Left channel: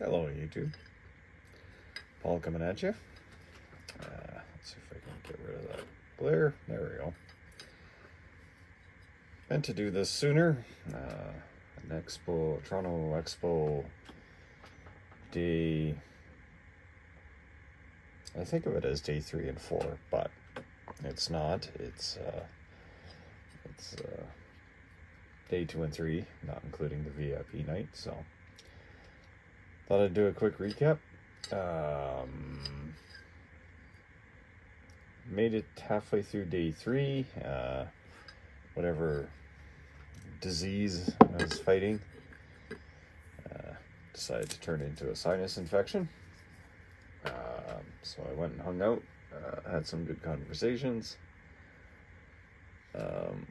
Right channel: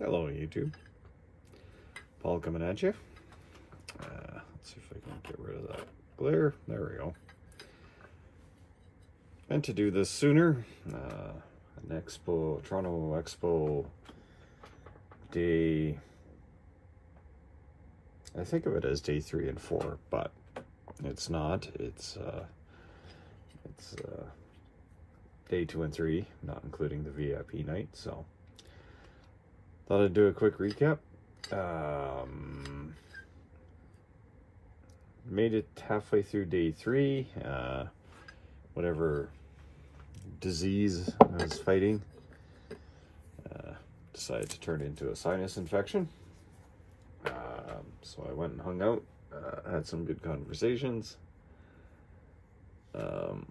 Hello YouTube, Paul coming at you. Let's see if I can get rid of that glare. There we go. Meant to do this sooner. An expo, Toronto Expo day, I think of it as day 3 and 4, but it's not. It's day 2 and 3, not including the VIP night. So thought I'd do a quick recap. Made it halfway through day 3. Whatever disease I was fighting decided to turn into a sinus infection. So I went and hung out, had some good conversations. Hung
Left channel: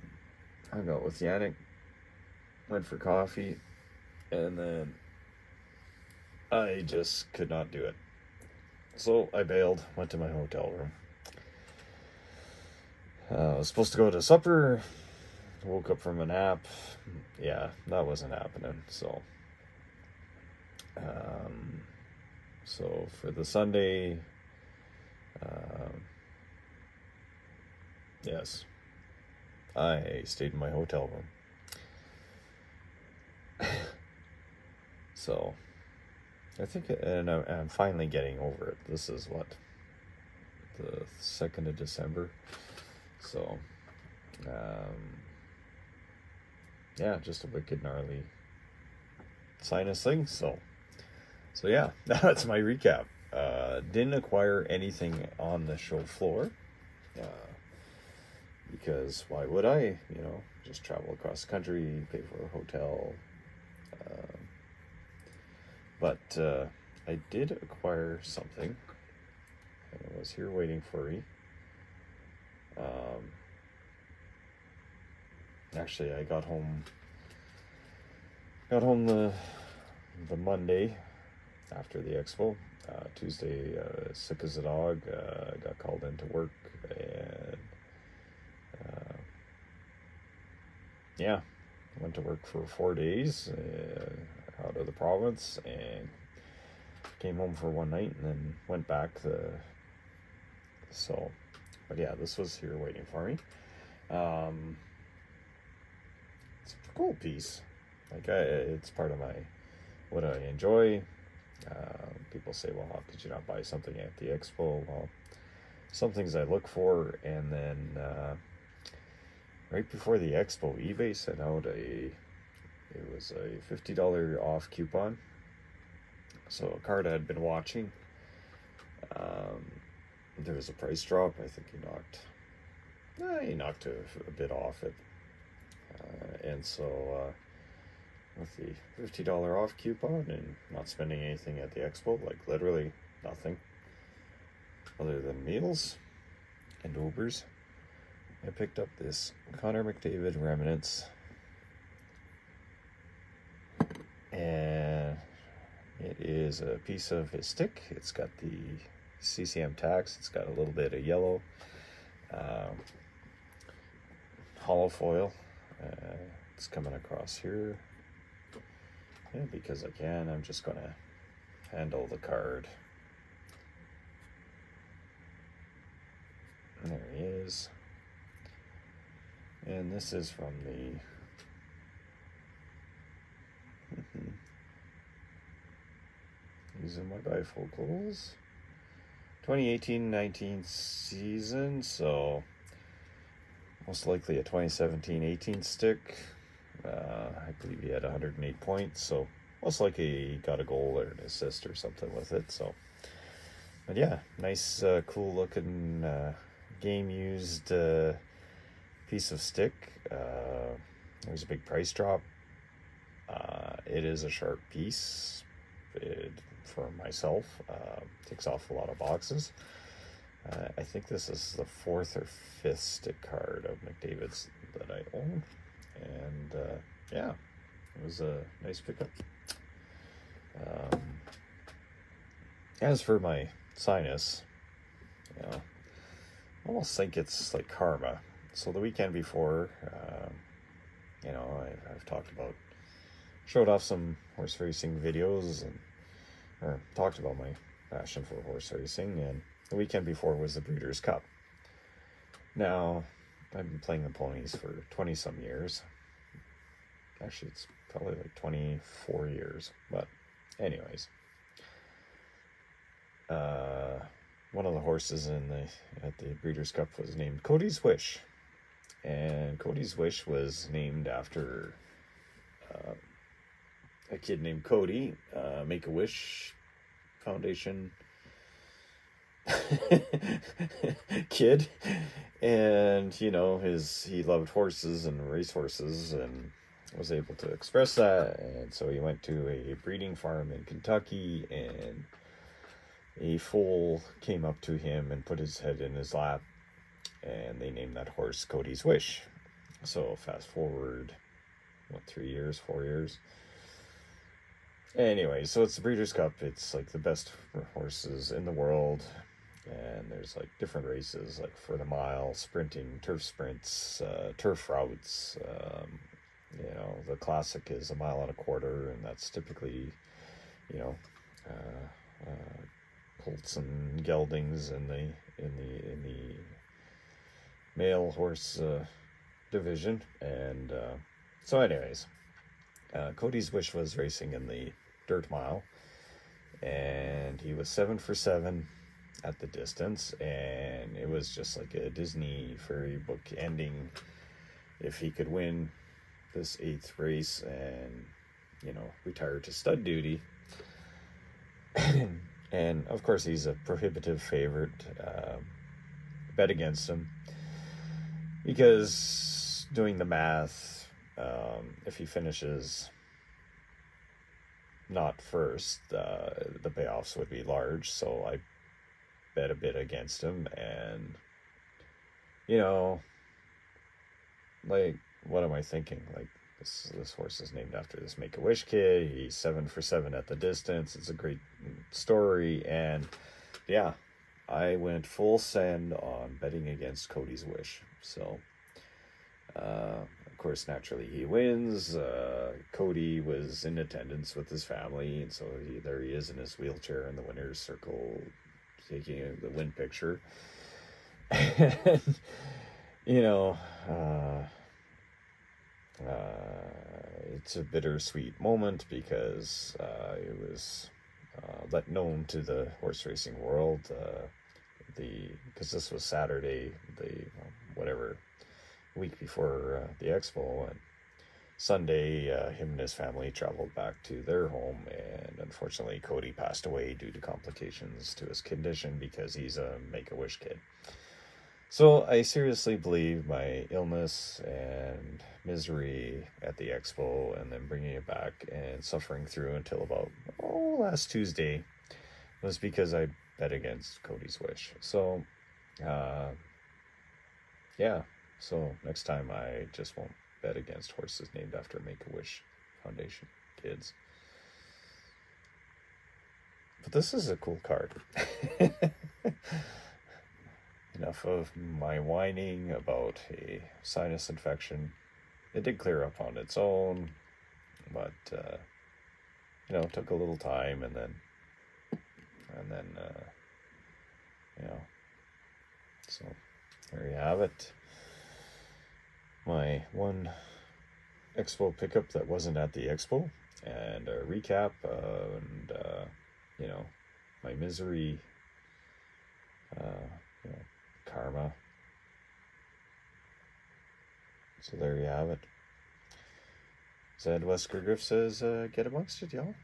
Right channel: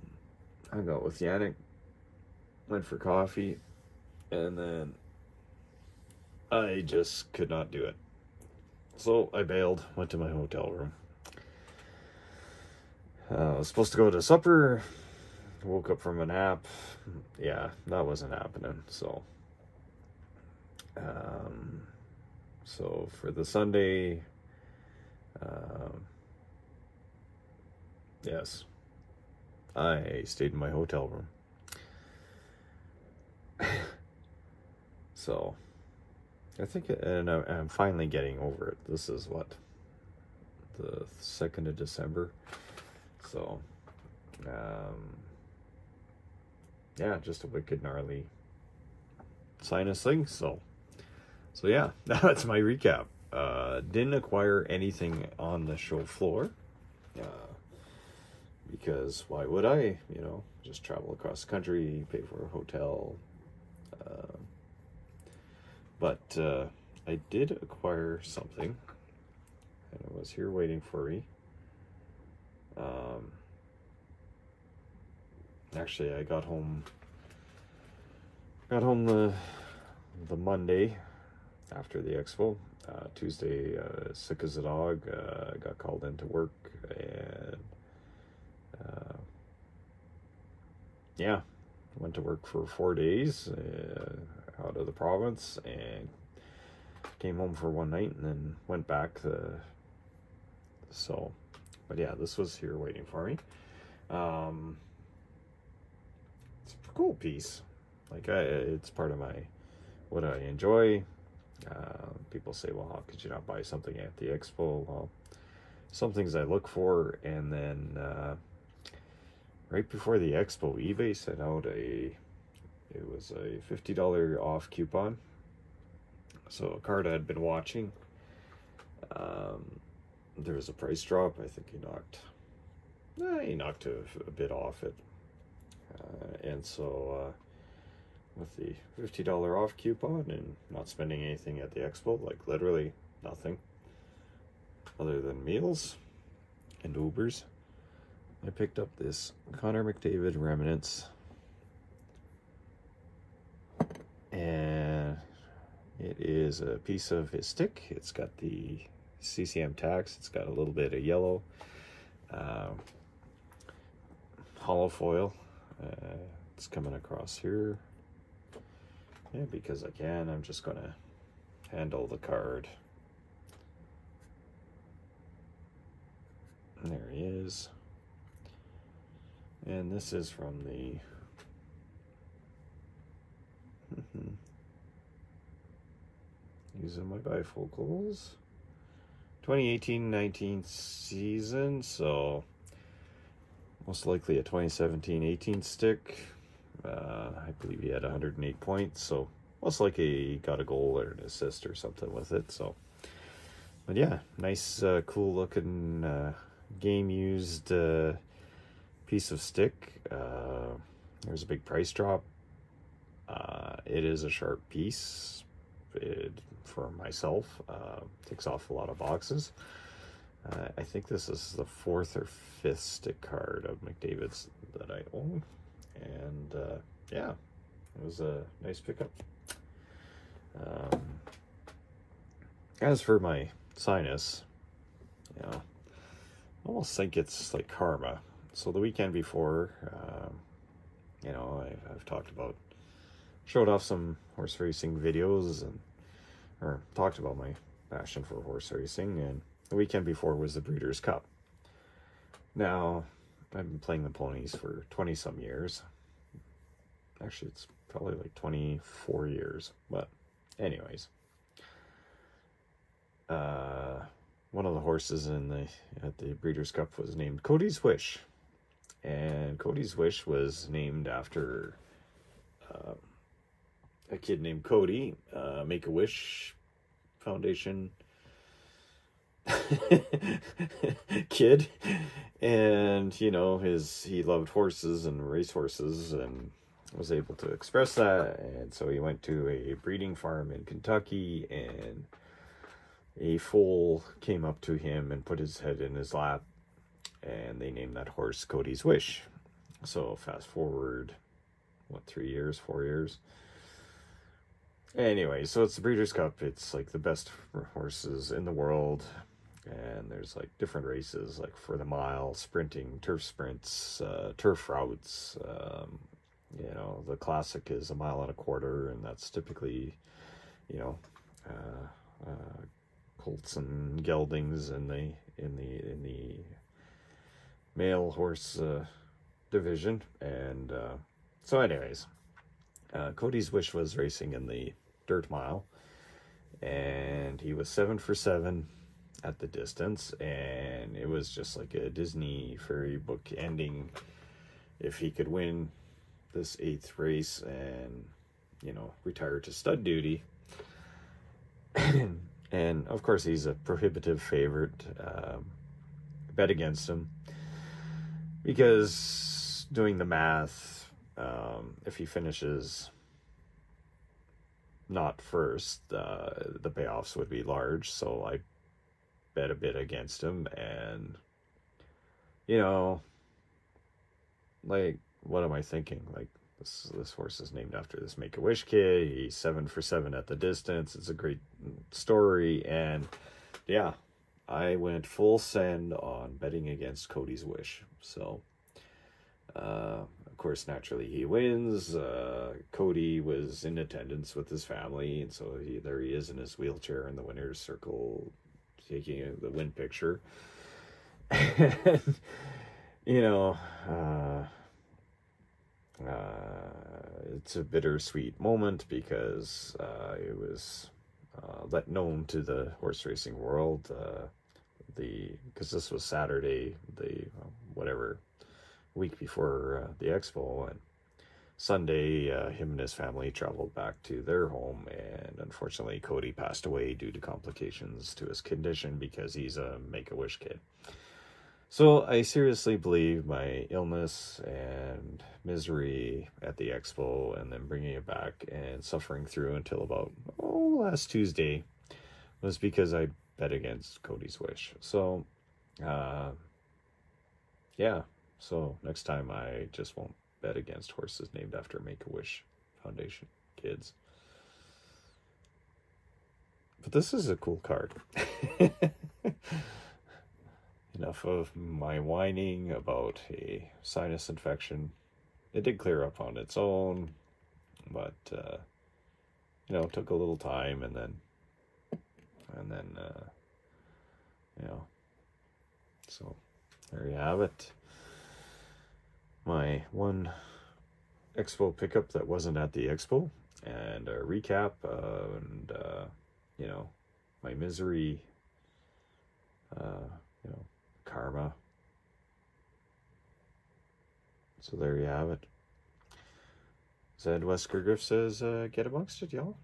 out with Yannick, went for coffee, and then I just could not do it. So I bailed, went to my hotel room. I was supposed to go to supper, woke up from a nap. Yeah, that wasn't happening. So for the Sunday, yes, I stayed in my hotel room. So I think, and I'm finally getting over it. This is what, the 2nd of December. So, yeah, just a wicked gnarly sinus thing. So yeah, that's my recap. Didn't acquire anything on the show floor, because why would I? You know, just travel across the country, pay for a hotel. But I did acquire something, and it was here waiting for me. Actually, I got home the Monday after the expo. Tuesday, sick as a dog. I got called into work, and yeah, went to work for 4 days out of the province, and came home for one night, and then went back. But yeah, this was here waiting for me. It's a cool piece. Like, it's part of what I enjoy. People say, well, how could you not buy something at the expo? Well, some things I look for, and then right before the expo, eBay sent out it was a $50 off coupon. So a card I had been watching, there was a price drop. I think he knocked a bit off it, and so with the $50 off coupon and not spending anything at the expo, like literally nothing other than meals and Ubers, I picked up this Connor McDavid Remnants, and it is a piece of his stick. It's got the CCM tax. It's got a little bit of yellow, hollow foil. It's coming across here. Yeah, because I can, I'm just gonna handle the card. And there he is. And this is from the these are my bifocals. 2018-19 season, so most likely a 2017-18 stick. I believe he had 108 points, so most likely he got a goal or an assist or something with it. So, but yeah, nice, cool looking game used piece of stick. There's a big price drop. It is a sharp piece. For myself, takes off a lot of boxes. I think this is the 4th or 5th stick card of McDavid's that I own, and yeah, it was a nice pickup. As for my sinus, you know, I almost think it's like karma. So the weekend before, you know, I've talked about, showed off some horse racing videos, and or talked about my passion for horse racing, and the weekend before was the Breeders' Cup. Now, I've been playing the ponies for 20-some years. Actually, it's probably like 24 years, but anyways. One of the horses at the Breeders' Cup was named Cody's Wish. And Cody's Wish was named after a kid named Cody, Make-A-Wish Foundation kid. And, you know, he loved horses and racehorses and was able to express that. And so he went to a breeding farm in Kentucky, and a foal came up to him and put his head in his lap, and they named that horse Cody's Wish. So fast forward, what, 3 years, 4 years? Anyway, so it's the Breeders' Cup. It's like the best horses in the world, and there's like different races, like for the mile, sprinting, turf sprints, turf routes. You know, the classic is 1.25 miles, and that's typically, you know, colts and geldings in the male horse division. And so anyways, Cody's Wish was racing in the dirt mile, and he was 7 for 7 at the distance, and it was just like a Disney fairy book ending if he could win this 8th race and, you know, retire to stud duty. And of course he's a prohibitive favorite. Bet against him because, doing the math, if he finishes not first, the payoffs would be large. So I bet a bit against him, and, you know, like, what am I thinking? Like, this horse is named after this Make-A-Wish kid. He's 7 for 7 at the distance. It's a great story, and yeah, I went full send on betting against Cody's Wish. So, of course, naturally he wins. Cody was in attendance with his family, and so there he is in his wheelchair in the winner's circle, taking the win picture. And, you know, it's a bittersweet moment because it was let known to the horse racing world, because this was Saturday, whatever, week before the expo, and Sunday him and his family traveled back to their home, and unfortunately Cody passed away due to complications to his condition because he's a Make-A-Wish kid. So I seriously believe my illness and misery at the expo, and then bringing it back and suffering through until about last Tuesday, was because I bet against Cody's Wish. So yeah, so next time I just won't bet against horses named after Make-A-Wish Foundation kids. But this is a cool card. Enough of my whining about a sinus infection. It did clear up on its own, but you know, it took a little time, and then you know, so there you have it. My one expo pickup that wasn't at the expo, and a recap, and you know, my misery, you know, karma. So there you have it. Zed Wesker Griff says, get amongst it, y'all.